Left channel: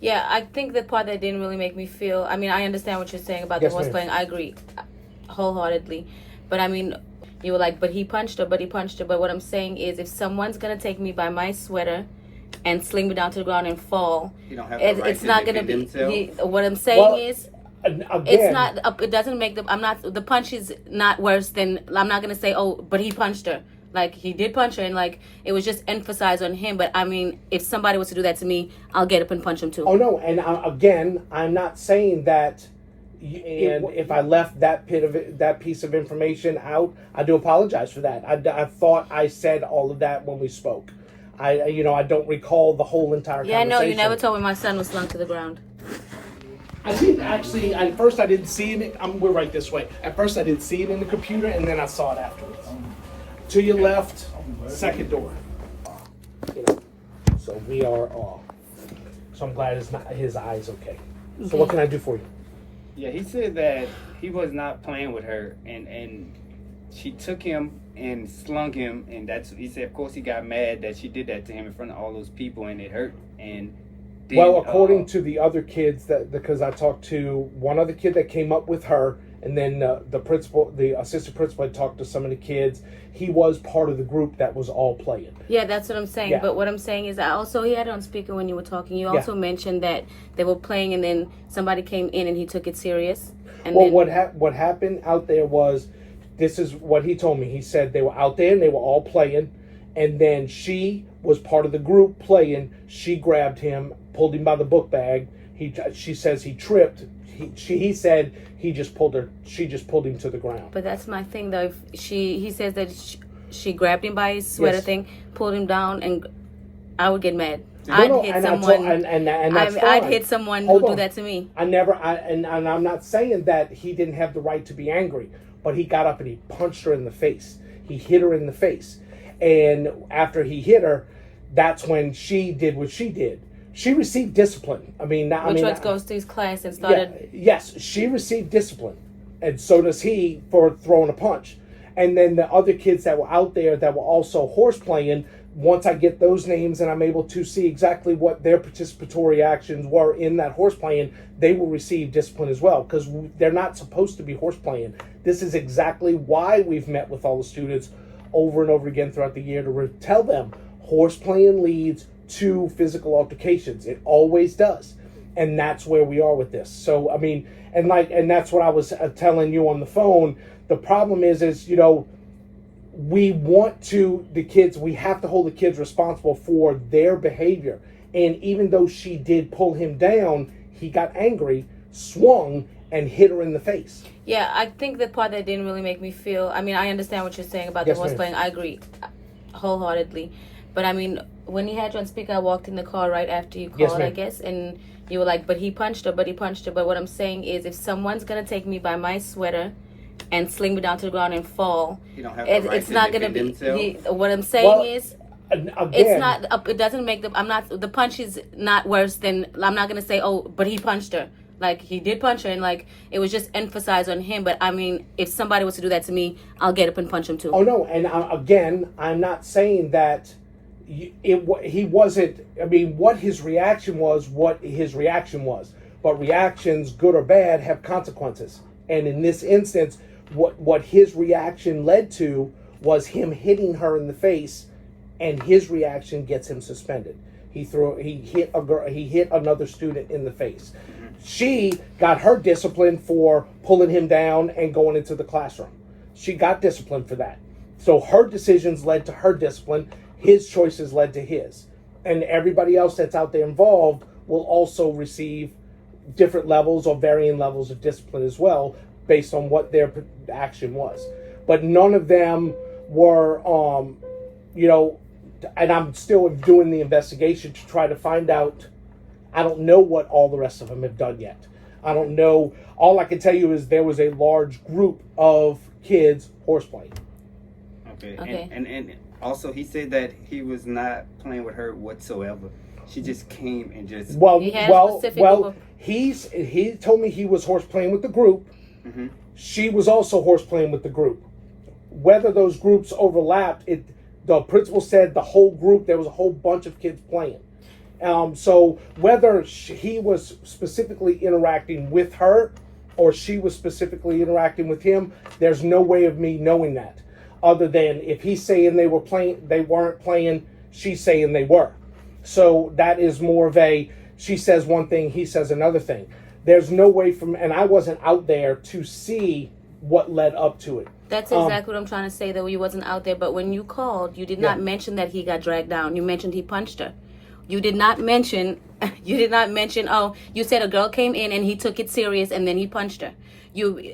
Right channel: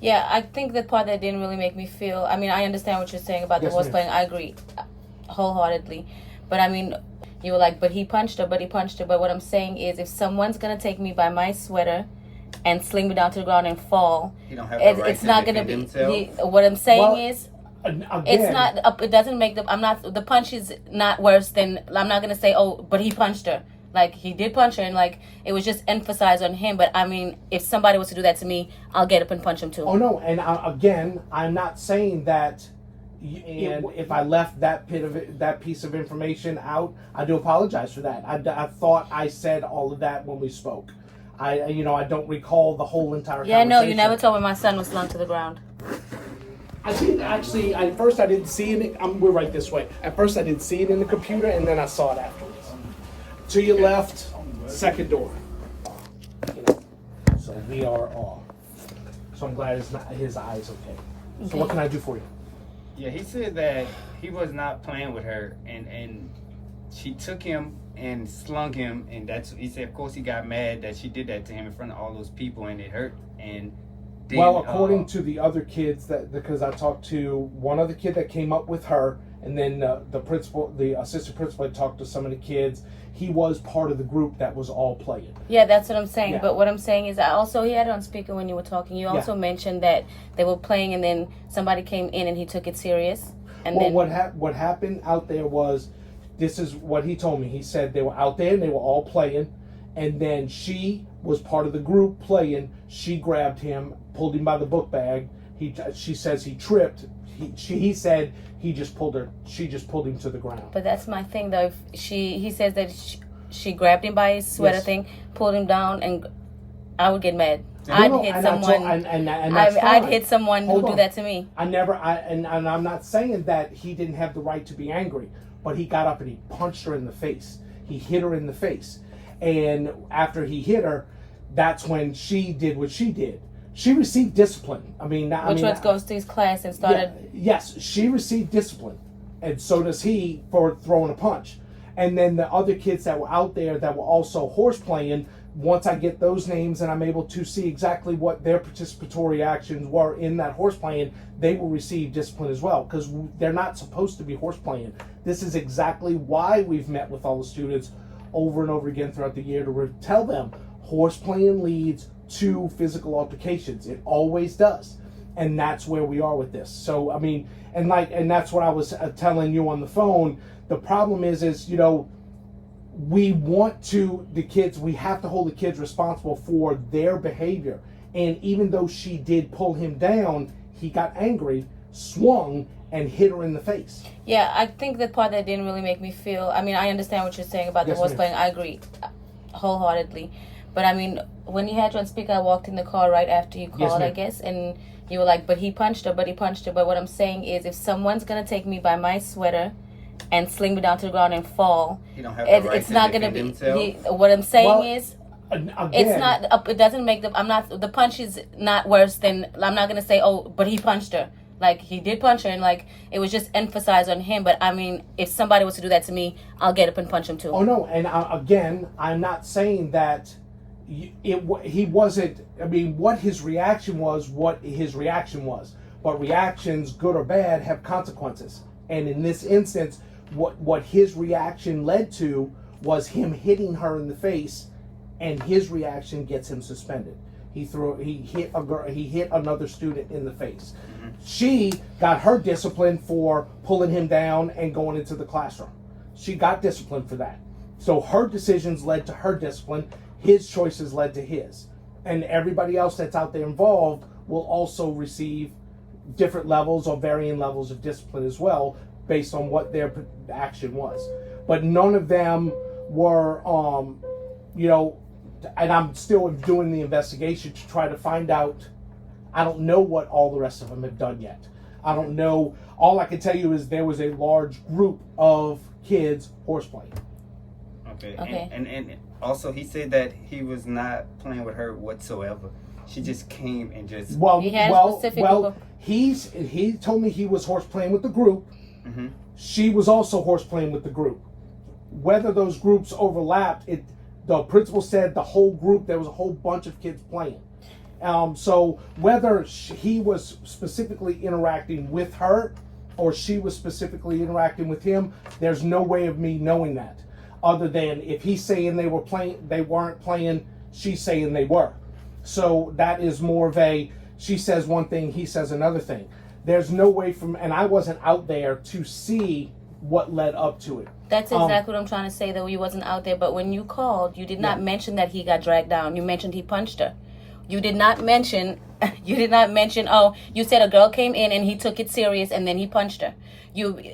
Yeah, I think the part that didn't really make me feel, I mean, I understand what you're saying about the Yes, horse ma'am. playing. I agree wholeheartedly. But I mean, you were like, but he punched her, but he punched her. But what I'm saying is, if someone's going to take me by my sweater and sling me down to the ground and fall, He don't have the right it's to not going to defend be, himself. what I'm saying Well, is, it's again, not, it doesn't make I'm not, the punch is not worse than, I'm not going to say, oh, but he punched her. Like, he did punch her, and like, it was just emphasized on him. But I mean, if somebody was to do that to me, I'll get up and punch him too. oh no, and again, I'm not saying that. And if I left that piece of information out, I do apologize for that. I thought I said all of that when we spoke. I don't recall the whole entire. Yeah, no, you never told me my son was slung to the ground. I didn't actually. At first, I didn't see it. We're right this way. At first, I didn't see it in the computer, and then I saw it afterwards. To your left, second door. So we are off. So I'm glad his eye's okay. So what can I do for you? Yeah, he said that he was not playing with her, and she took him and slung him, and he said, of course, he got mad that she did that to him in front of all those people, and it hurt. And then, well, according to the other kids, because I talked to one other kid that came up with her, and then the assistant principal had talked to some of the kids. He was part of the group that was all playing. Yeah, that's what I'm saying. Yeah. But what I'm saying is, he had it on speaker when you were talking. You also mentioned that they were playing, and then somebody came in and he took it serious. And well, then what happened out there was, this is what he told me. He said they were out there and they were all playing, and then she was part of the group playing. She grabbed him, pulled him by the book bag. She says he tripped. He said he just pulled her. She just pulled him to the ground. But that's my thing, though. If he says that she grabbed him by his sweater thing, pulled him down, and I would get mad. I'd hit someone. I'd hit someone who do that to me. And I'm not saying that he didn't have the right to be angry, but he got up and he punched her in the face. He hit her in the face, and after he hit her, that's when she did what she did. She received discipline. Which goes to his class and started. Yes, she received discipline, and so does he for throwing a punch. And then the other kids that were out there that were also horse playing, once I get those names and I'm able to see exactly what their participatory actions were in that horse playing, they will receive discipline as well, because they're not supposed to be horse playing. This is exactly why we've met with all the students over and over again throughout the year to tell them horse playing leads to physical altercations. It always does. And that's where we are with this. So, and that's what I was telling you on the phone. The problem is, we have to hold the kids responsible for their behavior. And even though she did pull him down, he got angry, swung, and hit her in the face. Yeah, I think the part that didn't really make me feel, I understand what you're saying about the horse playing. I agree wholeheartedly. But when you had you on speaker, I walked in the car right after you called, I guess, and you were like, but he punched her, but he punched her. But what I'm saying is, if someone's going to take me by my sweater and sling me down to the ground and fall, he don't have the right it's not going to be, what I'm saying is, again, it's not, it doesn't make the punch is not worse than, I'm not going to say, oh, but he punched her. Like, he did punch her, and like, it was just emphasized on him. But if somebody was to do that to me, I'll get up and punch him too. Oh no, and again, I'm not saying that he wasn't. What his reaction was, but reactions, good or bad, have consequences. And in this instance, what his reaction led to was him hitting her in the face, and his reaction gets him suspended. He hit another student in the face. She got her discipline for pulling him down and going into the classroom. She got discipline for that. So her decisions led to her discipline. His choices led to his. And everybody else that's out there involved will also receive different levels or varying levels of discipline as well, based on what their action was. But none of them were, and I'm still doing the investigation to try to find out. I don't know what all the rest of them have done yet. I don't know. All I can tell you is there was a large group of kids horseplaying. Okay. And also he said that he was not playing with her whatsoever. She just came and just... He told me he was horseplaying with the group. Mm-hmm. She was also horseplaying with the group. Whether those groups overlapped, the principal said the whole group, there was a whole bunch of kids playing. So whether he was specifically interacting with her or she was specifically interacting with him, there's no way of me knowing that. Other than if he's saying they weren't playing, she's saying they were. So that is more of a, she says one thing, he says another thing. There's no way and I wasn't out there to see what led up to it. That's exactly what I'm trying to say, though. You wasn't out there, but when you called, you did not mention that he got dragged down. You mentioned he punched her. You did not mention, oh, you said a girl came in and he took it serious and then he punched her.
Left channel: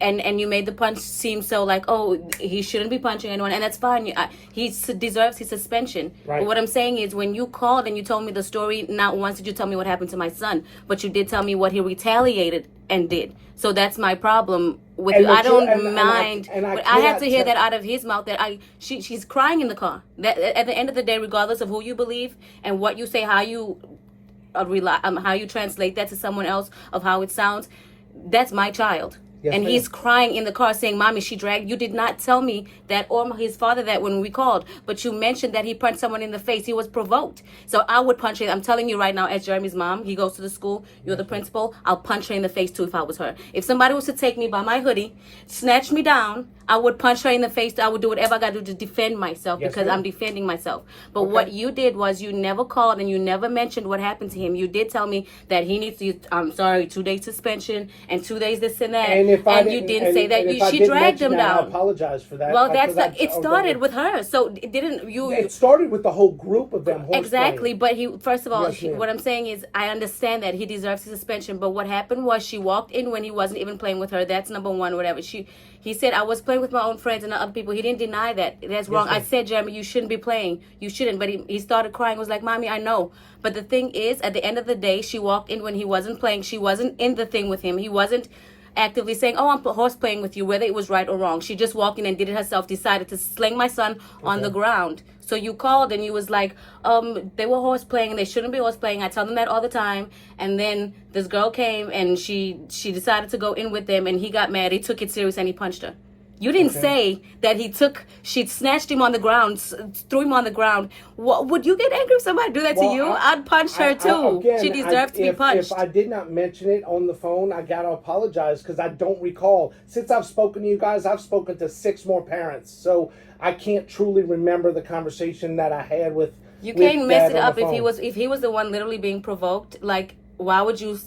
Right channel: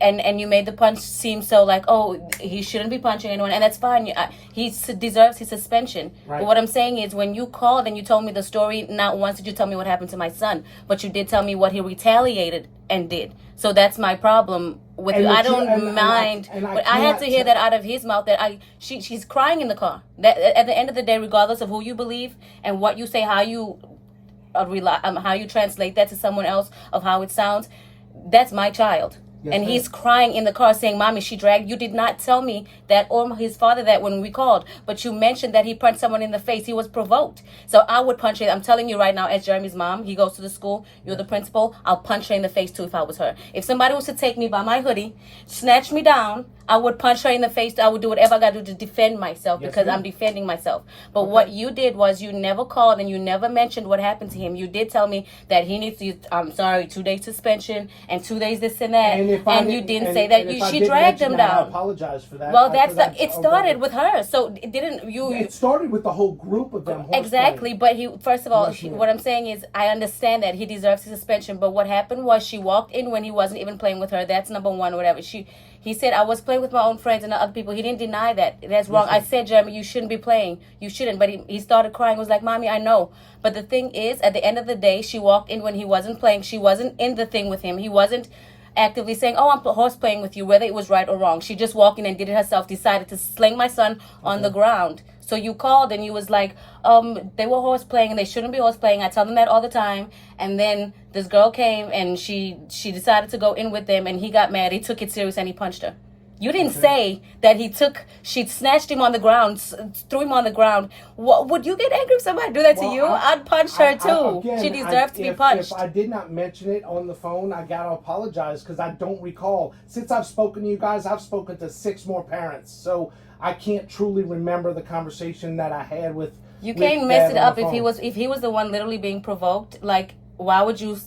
And you made the punch seem so like, oh, he shouldn't be punching anyone, and that's fine. He deserves his suspension. Right. But what I'm saying is, when you called and you told me the story, not once did you tell me what happened to my son, but you did tell me what he retaliated and did. So that's my problem with you. I don't mind, but I had to hear that out of his mouth. That she's crying in the car. That at the end of the day, regardless of who you believe and what you say, how you translate that to someone else of how it sounds, that's my child. Yes, and he's crying in the car saying, Mommy, she dragged. You did not tell me that or his father that when we called, but you mentioned that he punched someone in the face. He was provoked. So I would punch him. I'm telling you right now, as Jeremy's mom, he goes to the school, you're the principal, I'll punch her in the face too if I was her. If somebody was to take me by my hoodie, snatch me down, I would punch her in the face. I would do whatever I got to do to defend myself because I'm defending myself. But what you did was you never called and you never mentioned what happened to him. You did tell me that he needs to, 2 days suspension and 2 days this and that. And you didn't say that. She dragged him down. I apologize for that. Well, it started with her. So it started with the whole group of them. Exactly. But first of all, what I'm saying is I understand that he deserves his suspension. But what happened was she walked in when he wasn't even playing with her. That's number one, whatever. He said, I was playing with my own friends and other people. He didn't deny that. That's wrong. I said, Jeremy, you shouldn't be playing. You shouldn't. But he started crying. He was like, Mommy, I know. But the thing is, at the end of the day, she walked in when he wasn't playing. She wasn't in the thing with him. He wasn't actively saying, oh, I'm horse playing with you, whether it was right or wrong. She just walked in and did it herself, decided to sling my son on the ground. So you called and you was like, they were horse playing and they shouldn't be horse playing. I tell them that all the time. And then this girl came and she decided to go in with them and he got mad. He took it serious and he punched her. You didn't say that she snatched him on the ground, threw him on the ground. Would you get angry if somebody do that to you? I'd punch her too. She deserves to be punched. If I did not mention it on the phone, I gotta apologize because I don't recall. Since I've spoken to you guys, I've spoken to 6 more parents. So I can't truly remember the conversation that I had with. You can't mess it up if he was the one literally being provoked. Like, why would you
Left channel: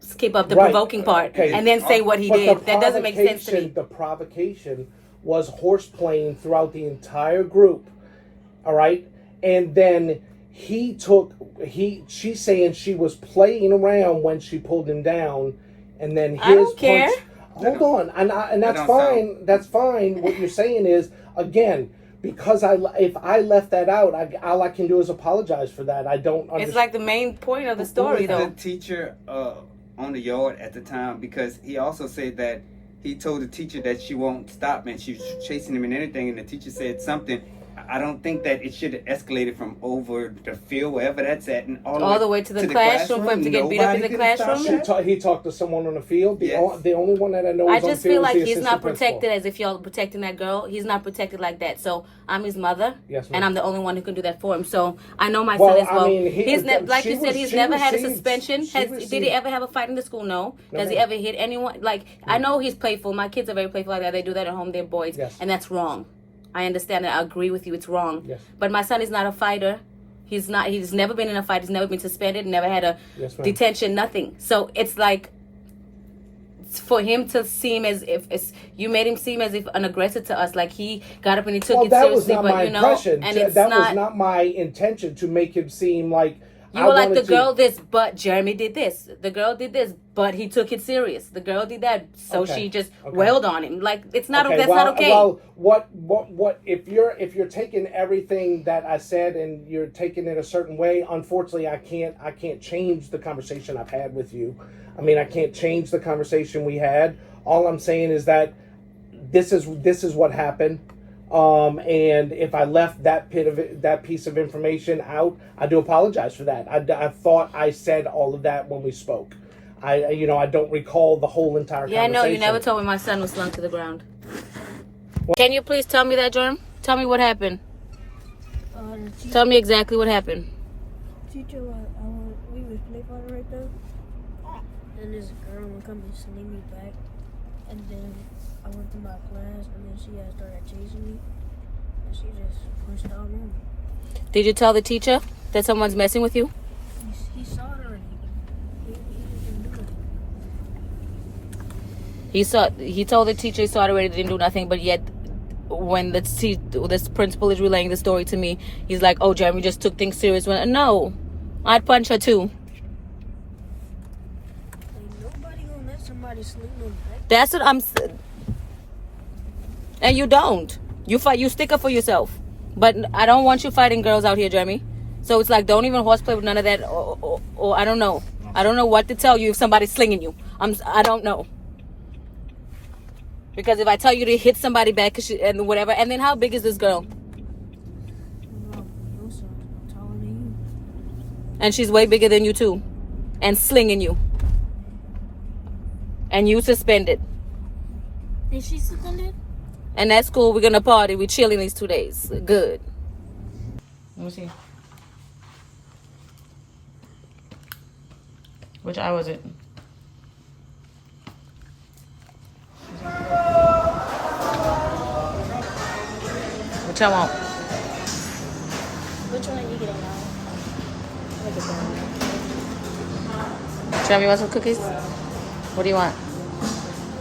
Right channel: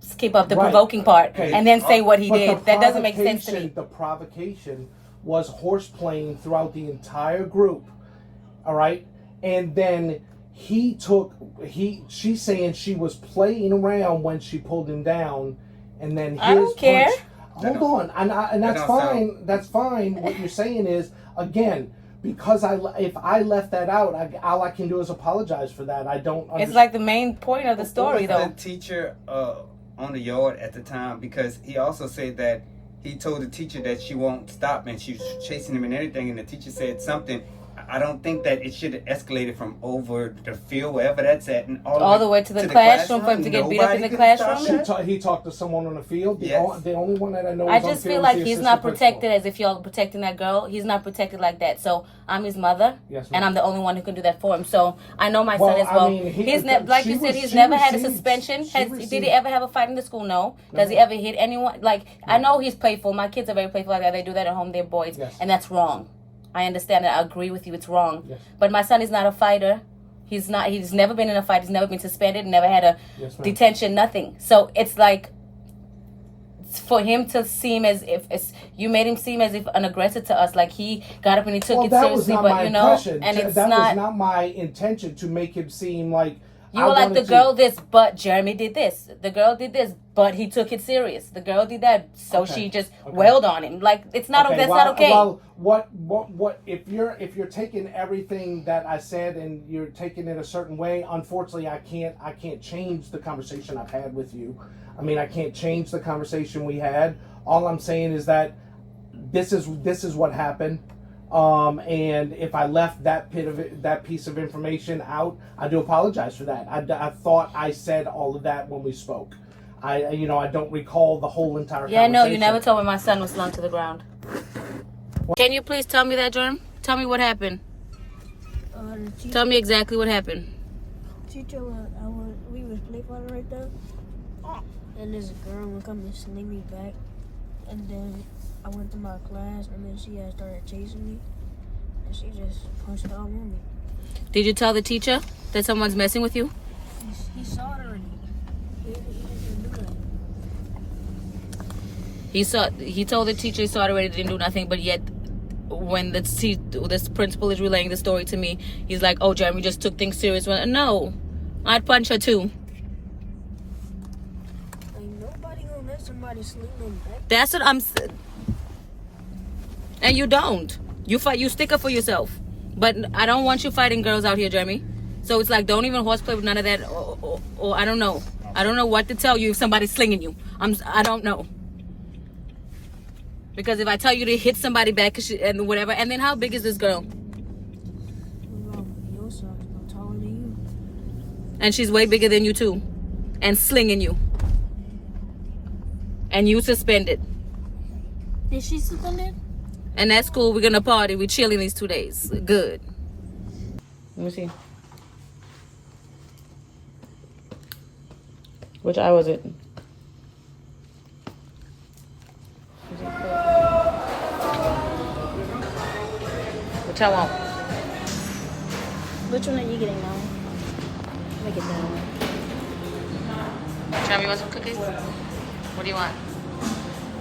skip up the provoking part and then say what he did? That doesn't make sense to me. The provocation was horse playing throughout the entire group. All right. And then she's saying she was playing around when she pulled him down. And then I don't care. Hold on. And that's fine. That's fine. What you're saying is, again, because if I left that out, all I can do is apologize for that. I don't understand. It's like the main point of the story, though. The teacher on the yard at the time, because he also said that he told the teacher that she won't stop and she was chasing him and everything, and the teacher said something. I don't think that it should have escalated from over the field, wherever that's at, and all the way to the classroom for him to get beat up in the classroom. He talked to someone on the field. The only one that I know. I just feel like he's not protected as if you're protecting that girl. He's not protected like that. So I'm his mother, and I'm the only one who can do that for him. So I know my son as well. I mean, he's like you said, he's never had a suspension. Did he ever have a fight in the school? No. Does he ever hit anyone? Like, I know he's playful. My kids are very playful like that. They do that at home. They're boys, and that's wrong. I understand that. I agree with you. It's wrong. Yes. But my son is not a fighter. He's never been in a fight. He's never been suspended. Never had a detention. Nothing. So it's like, for him to seem as if you made him seem as if an aggressor to us, like he got up and he took it seriously. But and that was not my intention to make him seem like. You were like, the girl this, but Jeremy did this. The girl did this, but he took it serious. The girl did that, so she just wailed on him. Like, it's not. That's not okay. Well, what? If you're taking everything that I said and you're taking it a certain way, unfortunately, I can't change the conversation I've had with you. I mean, I can't change the conversation we had. All I'm saying is that this is what happened. And if I left that piece of information out, I do apologize for that. I thought I said all of that when we spoke. I don't recall the whole entire conversation. Yeah, no, you never told me my son was slung to the ground. Can you please tell me that, Jerm? Tell me what happened. Tell me exactly what happened. Teacher, I was water right there. And this girl would come and sling me back. And then I went to my class, and then she had started chasing me. And she just punched all over me. Did you tell the teacher that someone's messing with you? He saw it already. He told the teacher he saw it already, didn't do nothing, but yet when this principal is relaying the story to me, he's like, oh, Jeremy just took things serious. No, I'd punch her too. Ain't nobody gonna let somebody sling them back. That's what I'm saying. And you don't. You fight. You stick up for yourself. But I don't want you fighting girls out here, Jeremy. So it's like, don't even horseplay with none of that. Or I don't know. I don't know what to tell you if somebody's slinging you. I don't know. Because if I tell you to hit somebody back and whatever, and then how big is this girl? Well, your son's taller than you. And she's way bigger than you too. And slinging you. And you suspended. Is she suspended? And that's cool. We're going to party. We're chilling these 2 days. Good. Let me see. Which eye was it? Which I want? Which one are you getting on? Look at that. Jeremy, you want some cookies? What do you want?